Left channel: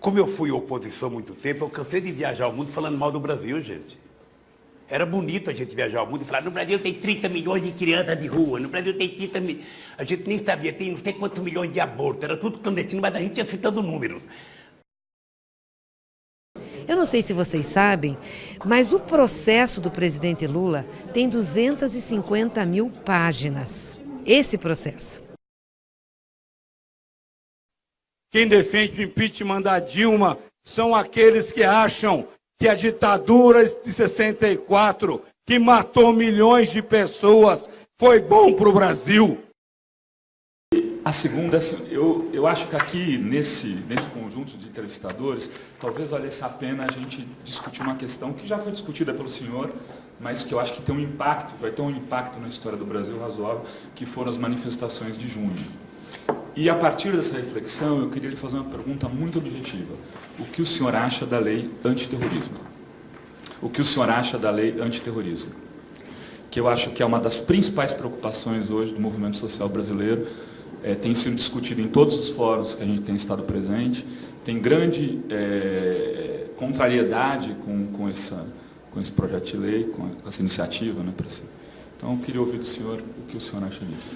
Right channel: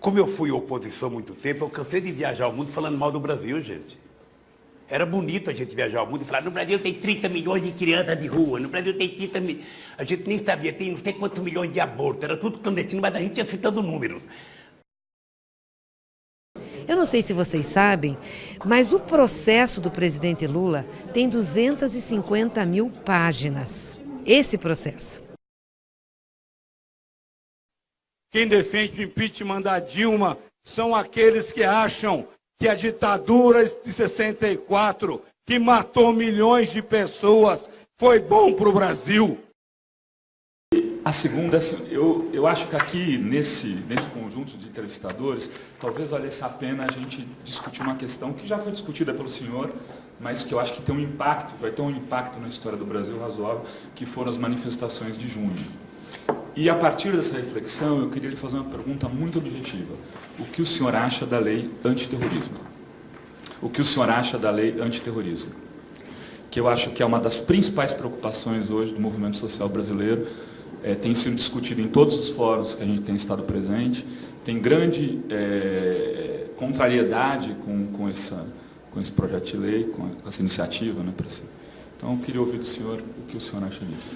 Como eu fui oposição há muito tempo, eu cansei de viajar ao mundo falando mal do Brasil, gente. Era bonito a gente viajar ao mundo e falar, no Brasil tem 30 milhões de crianças de rua, no Brasil tem 30 milhões... A gente nem sabia, tem não sei quantos milhões de abortos, era tudo clandestino, mas a gente ia citando números. Eu não sei se vocês sabem, mas o processo do presidente Lula tem 250 mil páginas. Esse processo. Quem defende o impeachment da Dilma são aqueles que acham que a ditadura de 64, que matou milhões de pessoas, foi bom para o Brasil. A segunda, eu acho que aqui, nesse conjunto de entrevistadores, talvez valesse a pena a gente discutir uma questão que já foi discutida pelo senhor, mas que eu acho que tem um impacto, vai ter um impacto na história do Brasil razoável, que foram as manifestações de junho. E a partir dessa reflexão, eu queria lhe fazer uma pergunta muito objetiva. O que o senhor acha da lei antiterrorismo? O que o senhor acha da lei antiterrorismo? Que eu acho que é uma das principais preocupações hoje do movimento social brasileiro, tem sido discutido em todos os fóruns que a gente tem estado presente, tem grande contrariedade com esse projeto de lei, com essa iniciativa, né, para si. Então, eu queria ouvir do senhor o que o senhor acha disso.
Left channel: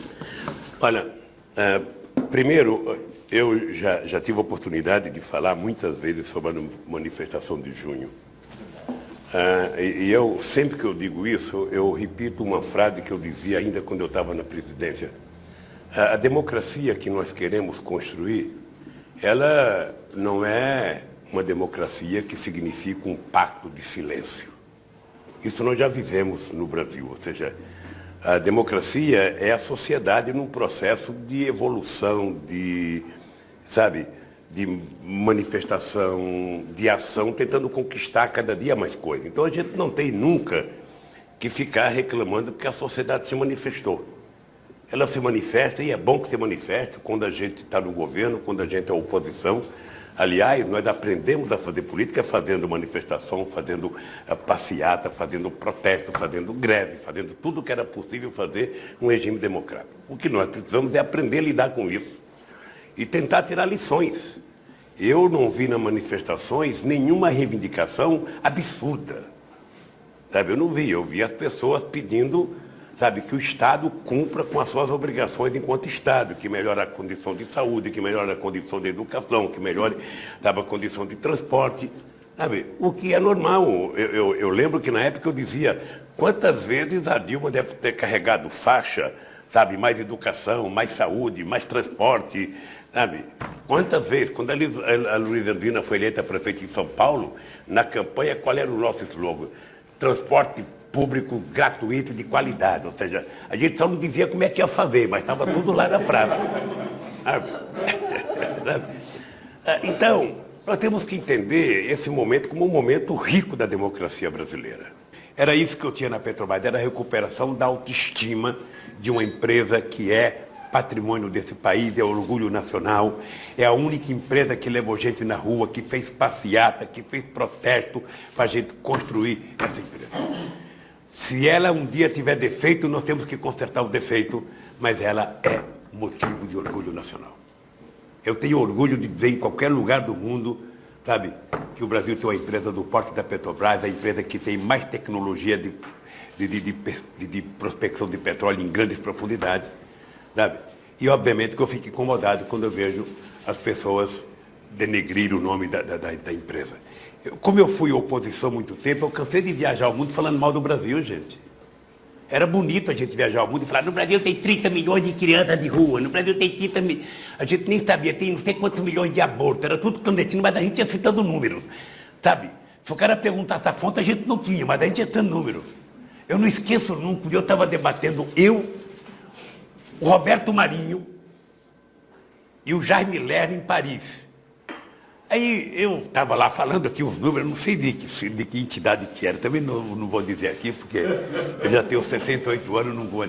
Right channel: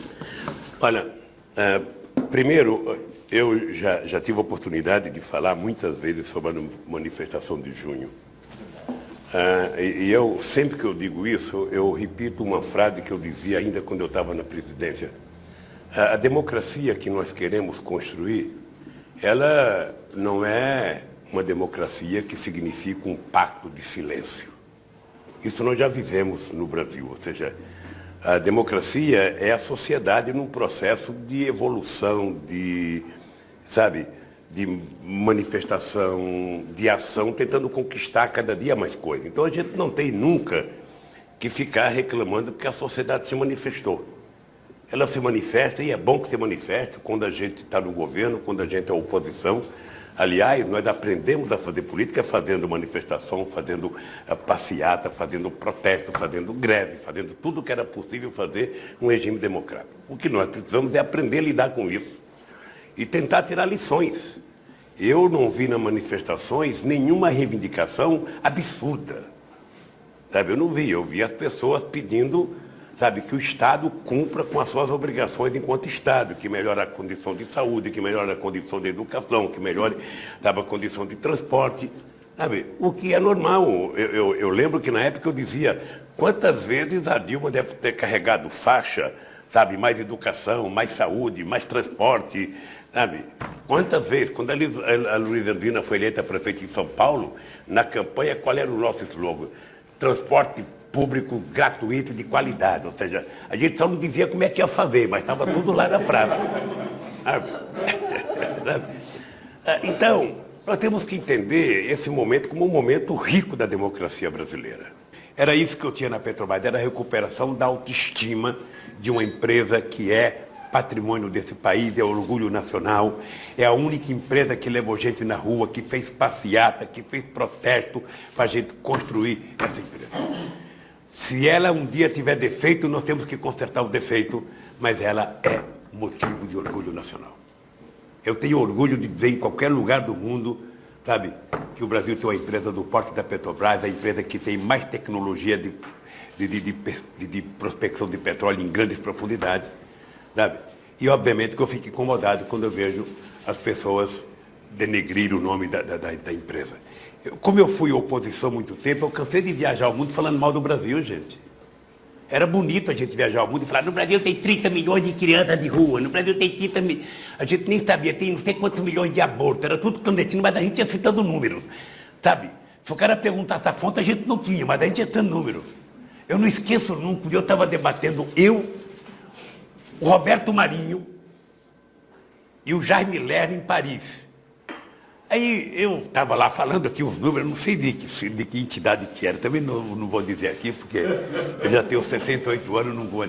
Olha, primeiro, eu já tive a oportunidade de falar muitas vezes sobre a manifestação de junho. E eu, sempre que eu digo isso, eu repito uma frase que eu dizia ainda quando eu estava na presidência. A democracia que nós queremos construir, ela não é uma democracia que significa um pacto de silêncio. Isso nós já vivemos no Brasil, ou seja, a democracia é a sociedade num processo de evolução, de manifestação, de ação, tentando conquistar cada dia mais coisa. Então a gente não tem nunca que ficar reclamando porque a sociedade se manifestou. Ela se manifesta, e é bom que se manifeste quando a gente está no governo, quando a gente é oposição. Aliás, nós aprendemos a fazer política fazendo manifestação, fazendo passeata, fazendo protesto, fazendo greve, fazendo tudo o que era possível fazer num regime democrático. O que nós precisamos é aprender a lidar com isso e tentar tirar lições. Eu não vi nas manifestações nenhuma reivindicação absurda. Eu não vi, eu vi as pessoas pedindo que o Estado cumpra com as suas obrigações enquanto Estado, que melhore a condição de saúde, que melhore a condição de educação, que melhore a condição de transporte, o que é normal. Eu lembro que na época eu dizia, quantas vezes a Dilma deve ter carregado faixa, mais educação, mais saúde, mais transporte, Quantas vezes, quando a Luísa Erundina foi eleita prefeita em São Paulo, na campanha, qual era o nosso slogan? Transporte público gratuito de qualidade, ou seja, a gente só não dizia como é que ia fazer, mas estava tudo lá na frase. Então, nós temos que entender esse momento como um momento rico da democracia brasileira. Era isso que eu tinha na Petrobras, era a recuperação da autoestima de uma empresa que é patrimônio desse país, é orgulho nacional, é a única empresa que levou gente na rua, que fez passeata, que fez protesto para a gente construir essa empresa. Se ela um dia tiver defeito, nós temos que consertar o defeito, mas ela é motivo de orgulho nacional. Eu tenho orgulho de ver em qualquer lugar do mundo, que o Brasil tem uma empresa do porte da Petrobras, a empresa que tem mais tecnologia de prospecção de petróleo em grandes profundidades, E, obviamente, que eu fico incomodado quando eu vejo as pessoas denegrir o nome da empresa. Como eu fui oposição há muito tempo, eu cansei de viajar ao mundo falando mal do Brasil, gente. Era bonito a gente viajar ao mundo e falar, no Brasil tem 30 milhões de crianças de rua, no Brasil tem 30 milhões... A gente nem sabia, tem não sei quantos milhões de abortos, era tudo clandestino, mas a gente ia citando números, Se o cara perguntasse a fonte, a gente não tinha, mas a gente ia citando números. Eu não esqueço nunca, um dia eu estava debatendo, o Roberto Marinho e o Jaime Lerner em Paris. Aí eu estava lá falando, eu tinha os números, não sei de que entidade que era, também não vou dizer aqui, porque eu já tenho 68 anos, não vou.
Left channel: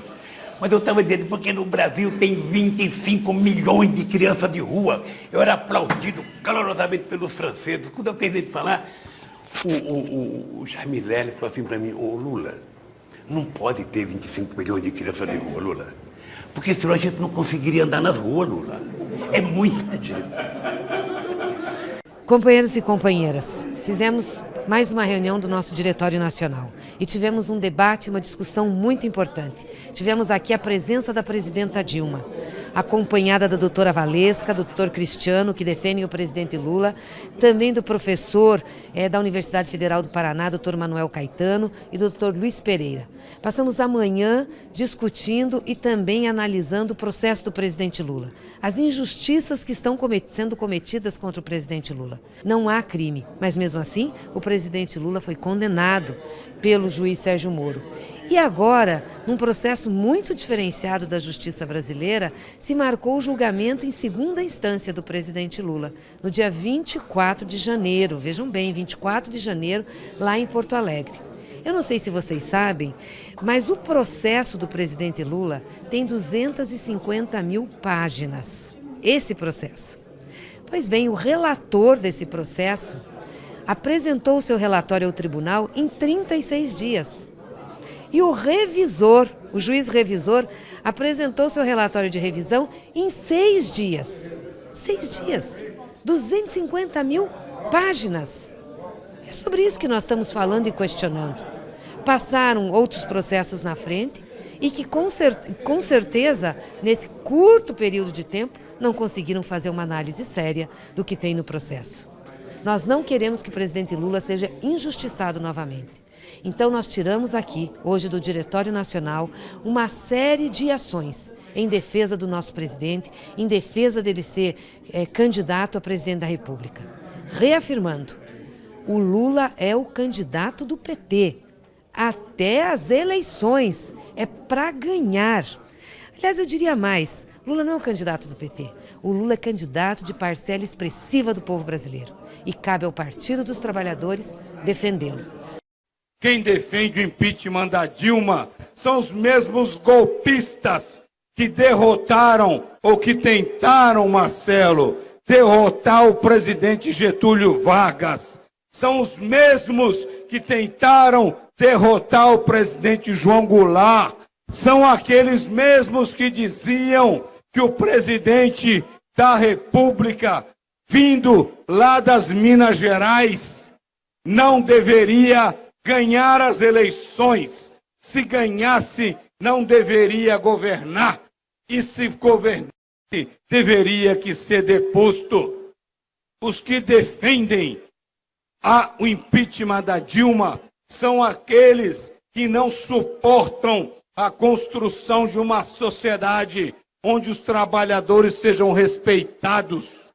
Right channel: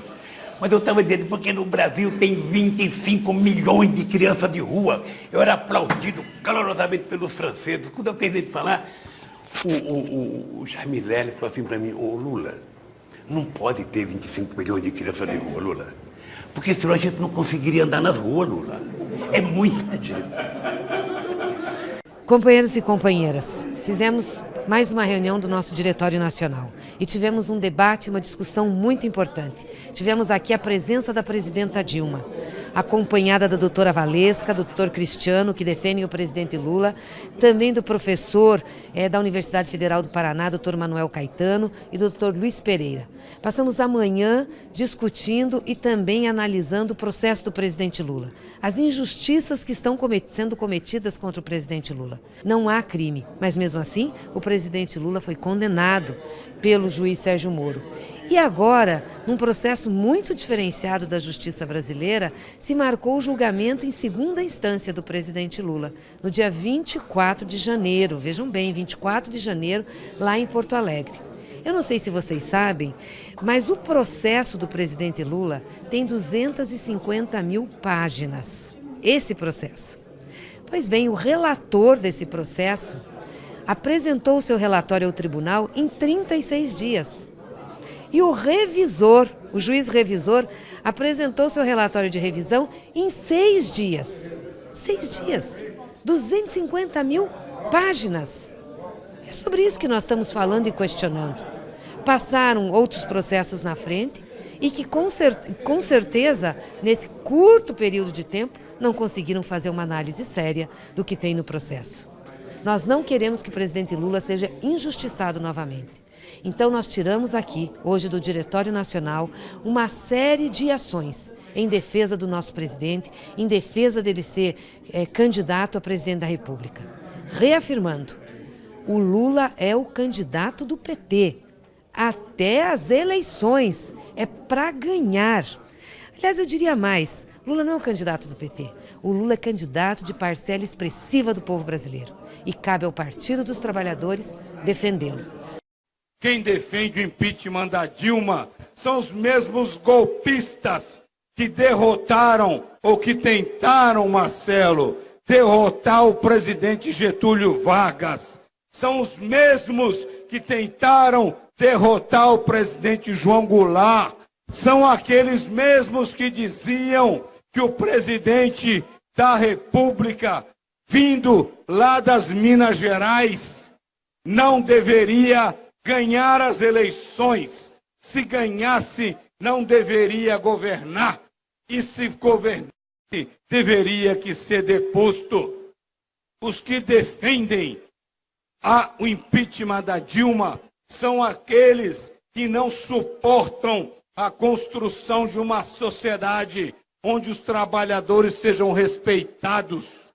Mas eu estava dizendo, porque no Brasil tem 25 milhões de crianças de rua. Eu era aplaudido calorosamente pelos franceses. Quando eu terminei de falar, o Jaime Lerner falou assim para mim, Lula, não pode ter 25 milhões de crianças de rua, Lula. Porque senão a gente não conseguiria andar nas ruas, Lula. É muita gente. Companheiros e companheiras, fizemos mais uma reunião do nosso Diretório Nacional e tivemos um debate, uma discussão muito importante. Tivemos aqui a presença da presidenta Dilma, acompanhada da doutora Valesca, do doutor Cristiano, que defendem o presidente Lula, também do professor da Universidade Federal do Paraná, doutor Manuel Caetano, e do doutor Luiz Pereira. Passamos a manhã discutindo e também analisando o processo do presidente Lula, as injustiças que estão sendo cometidas contra o presidente Lula. Não há crime, mas mesmo assim o presidente Lula foi condenado pelo juiz Sérgio Moro. E agora, num processo muito diferenciado da justiça brasileira, se marcou o julgamento em segunda instância do presidente Lula, no dia 24 de janeiro, vejam bem, 24 de janeiro, lá em Porto Alegre. Eu não sei se vocês sabem, mas o processo do presidente Lula tem 250 mil páginas, esse processo. Pois bem, o relator desse processo apresentou o seu relatório ao tribunal em 36 dias. E o revisor, o juiz revisor, apresentou seu relatório de revisão em 6 dias. 6 dias. 250 mil páginas. É sobre isso que nós estamos falando e questionando. Passaram outros processos na frente e que com certeza, nesse curto período de tempo, não conseguiram fazer uma análise séria do que tem no processo. Nós não queremos que o presidente Lula seja injustiçado novamente. Então nós tiramos aqui, hoje do Diretório Nacional, uma série de ações em defesa do nosso presidente, em defesa dele ser candidato a presidente da República. Reafirmando, o Lula é o candidato do PT. Até as eleições, é para ganhar. Aliás, eu diria mais, Lula não é o candidato do PT. O Lula é candidato de parcela expressiva do povo brasileiro. E cabe ao Partido dos Trabalhadores defendê-lo. Quem defende o impeachment da Dilma são os mesmos golpistas que derrotaram ou que tentaram, Marcelo, derrotar o presidente Getúlio Vargas. São os mesmos que tentaram derrotar o presidente João Goulart. São aqueles mesmos que diziam que o presidente da República, vindo lá das Minas Gerais, não deveria ganhar as eleições. Se ganhasse, não deveria governar. E se governasse, deveria que ser deposto. Os que defendem o impeachment da Dilma são aqueles que não suportam a construção de uma sociedade onde os trabalhadores sejam respeitados.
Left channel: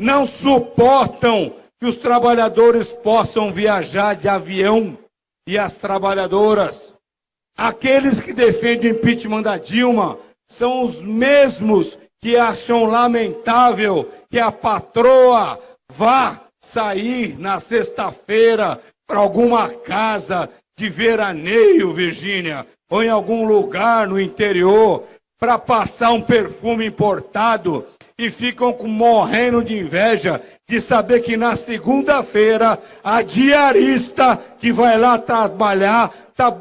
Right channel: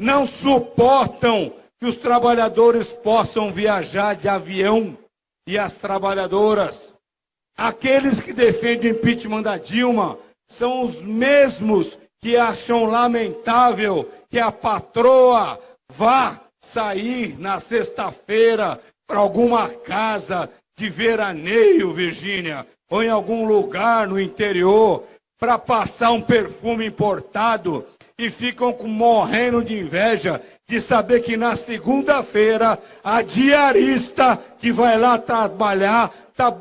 Não suportam que os trabalhadores possam viajar de avião e as trabalhadoras. Aqueles que defendem o impeachment da Dilma são os mesmos que acham lamentável que a patroa vá sair na sexta-feira para alguma casa de veraneio, Virgínia, ou em algum lugar no interior, para passar um perfume importado e ficam morrendo de inveja de saber que na segunda-feira a diarista que vai lá trabalhar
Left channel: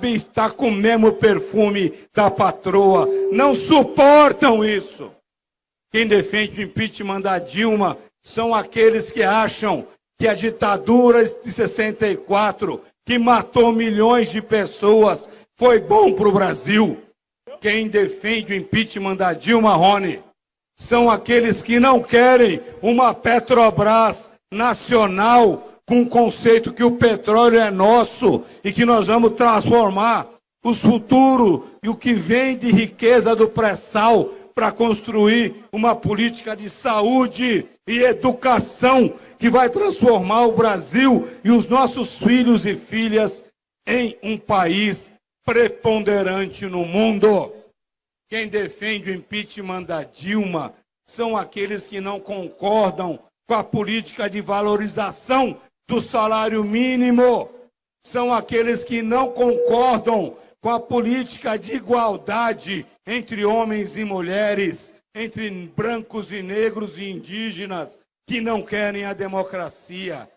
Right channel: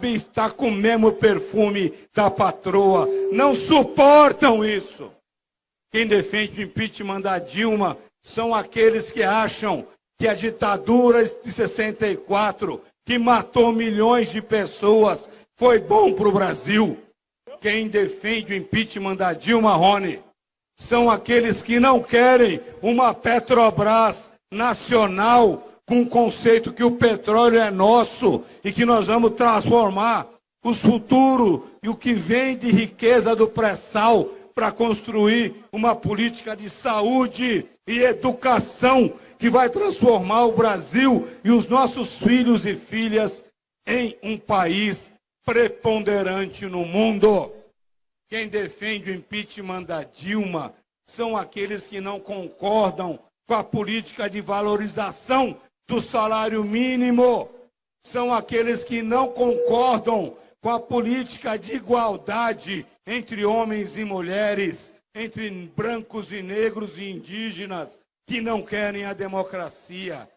está com o mesmo perfume da patroa. Não suportam isso. Quem defende o impeachment da Dilma são aqueles que acham que a ditadura de 64, que matou milhões de pessoas, foi bom para o Brasil. Quem defende o impeachment da Dilma, Rony, são aqueles que não querem uma Petrobras nacional com o conceito que o petróleo é nosso e que nós vamos transformar o futuro e o que vem de riqueza do pré-sal para construir uma política de saúde e educação que vai transformar o Brasil e os nossos filhos e filhas em um país preponderante no mundo. Quem defende o impeachment da Dilma são aqueles que não concordam com a política de valorização do salário mínimo. São aqueles que não concordam com a política de igualdade entre homens e mulheres, entre brancos e negros e indígenas, que não querem a democracia.